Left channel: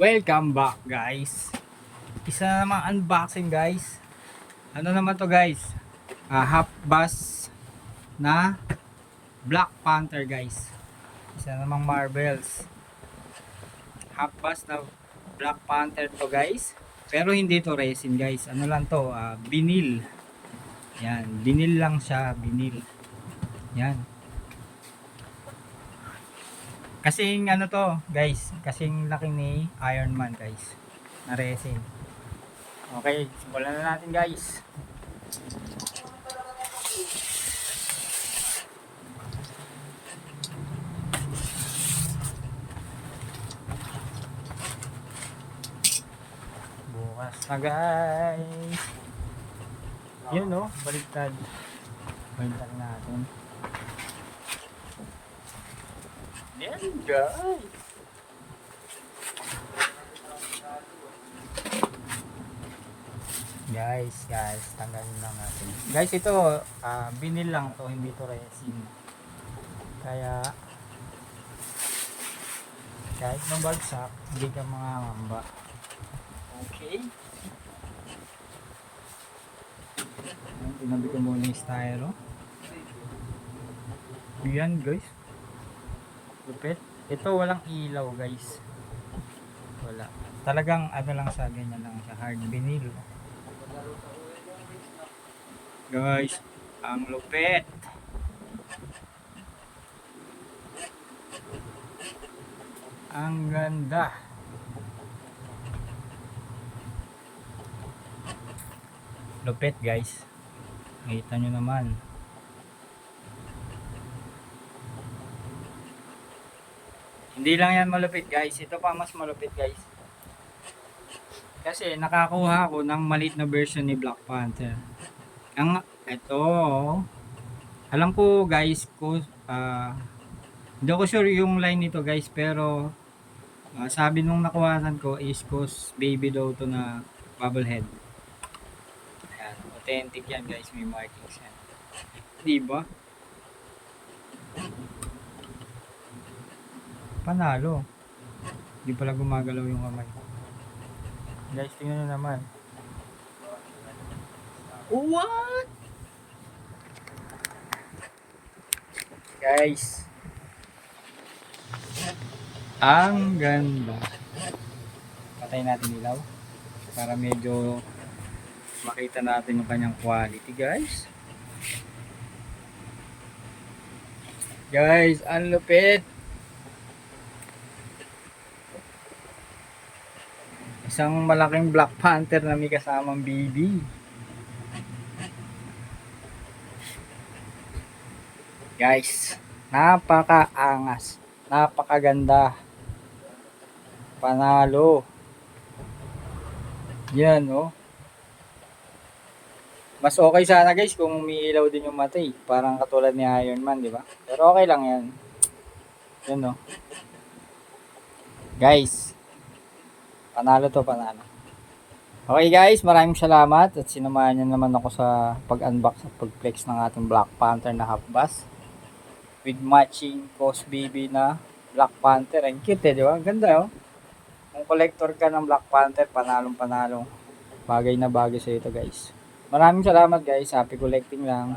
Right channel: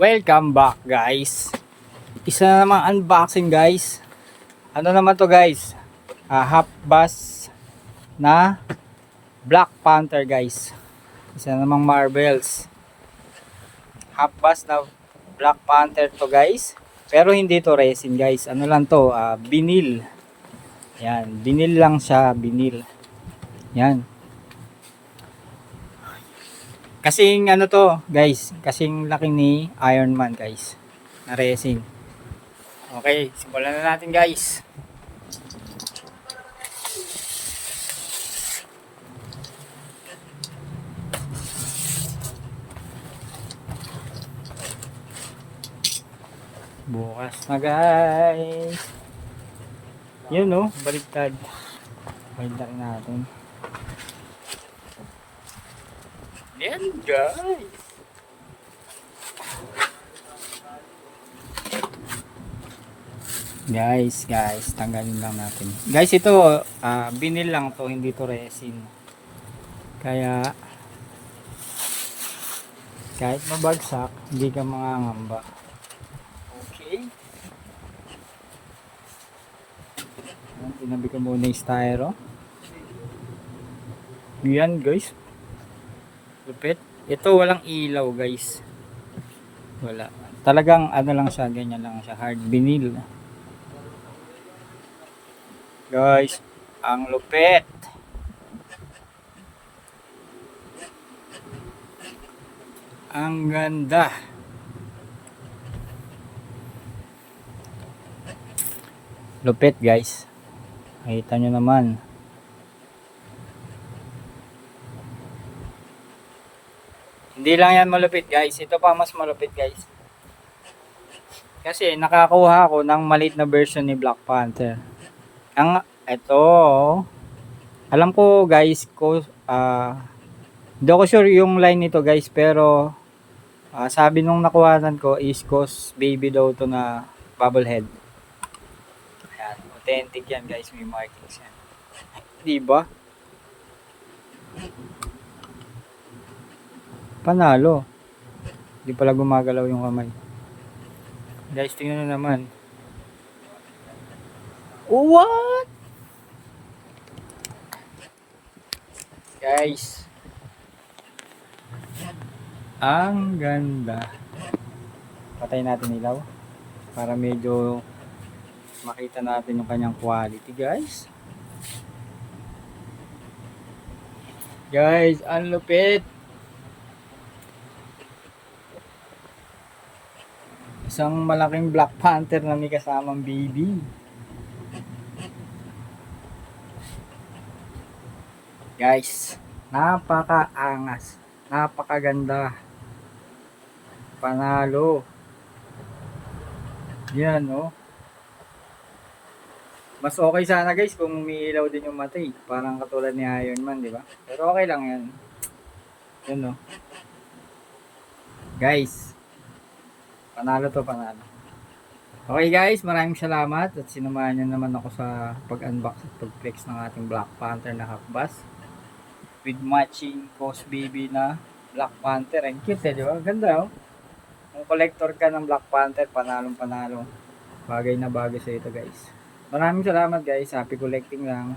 Welcome back guys. Isa na namang unboxing guys. Ano naman to guys? Half bus na Black Panther guys. Isa na namang marbles. Half bus na Black Panther to guys. Pero hindi to resin guys. Ano lang to? Vinyl. Yan. Vinyl lang siya. Vinyl. Yan. Kasing ano to guys. Kasing laki ni Iron Man guys. Na resin. Okay, simulan na natin guys. Bukas na guys. Yun no, baliktad. Baliktad natin. Yan guys. Guys, tanggalin lang natin. Guys, ito vinyl lang to, hindi to resin. Kaya kahit mabagsak, hindi ka mangangamba. Okay. Tinabi ko muna yung styro. Yan guys. Lupit. Ito walang ilaw guys. Wala. Talagang ano lang siya, ganyan lang siya. Hard vinyl. Guys, ang lupit. Ang ganda. Lupit guys. Nakita nyo naman. Hindi lang yan malupit guys. Ito pa mas malupit guys. Kasi nakakuha ako ng maliit na version ni Black Panther. Ang ito, alam ko guys, hindi ako sure yung line nito guys, pero sabi nung nakuhanan ko is Ghost Baby daw to na bobblehead. Ayan, authentic yan guys, may markings yan. Diba? Panalo. Hindi pala gumagalaw yung kamay. Guys, tingnan nyo naman. What? Guys. Ang ganda. Patay natin ilaw para medyo makita natin yung kanyang quality, guys. Guys, ang lupit. Isang malaking Black Panther na may kasamang baby. Guys, napakaangas. Napakaganda. Panalo. Yan, oh. Mas okay sana guys kung umiilaw din yung mata eh. Parang katulad ni Iron Man, di ba? Pero okay lang yan. Yan, oh. Guys, panalo to, panalo. Okay guys, maraming salamat at sinamahan nyo naman ako sa pag-unbox at pag-flex ng ating Black Panther na half bus with matching Ghost Baby na Black Panther. Ang cute eh, di ba? Ganda oh. Kung collector ka ng Black Panther, panalong panalo. Bagay na bagay sa ito guys. Maraming salamat guys, happy collecting lang.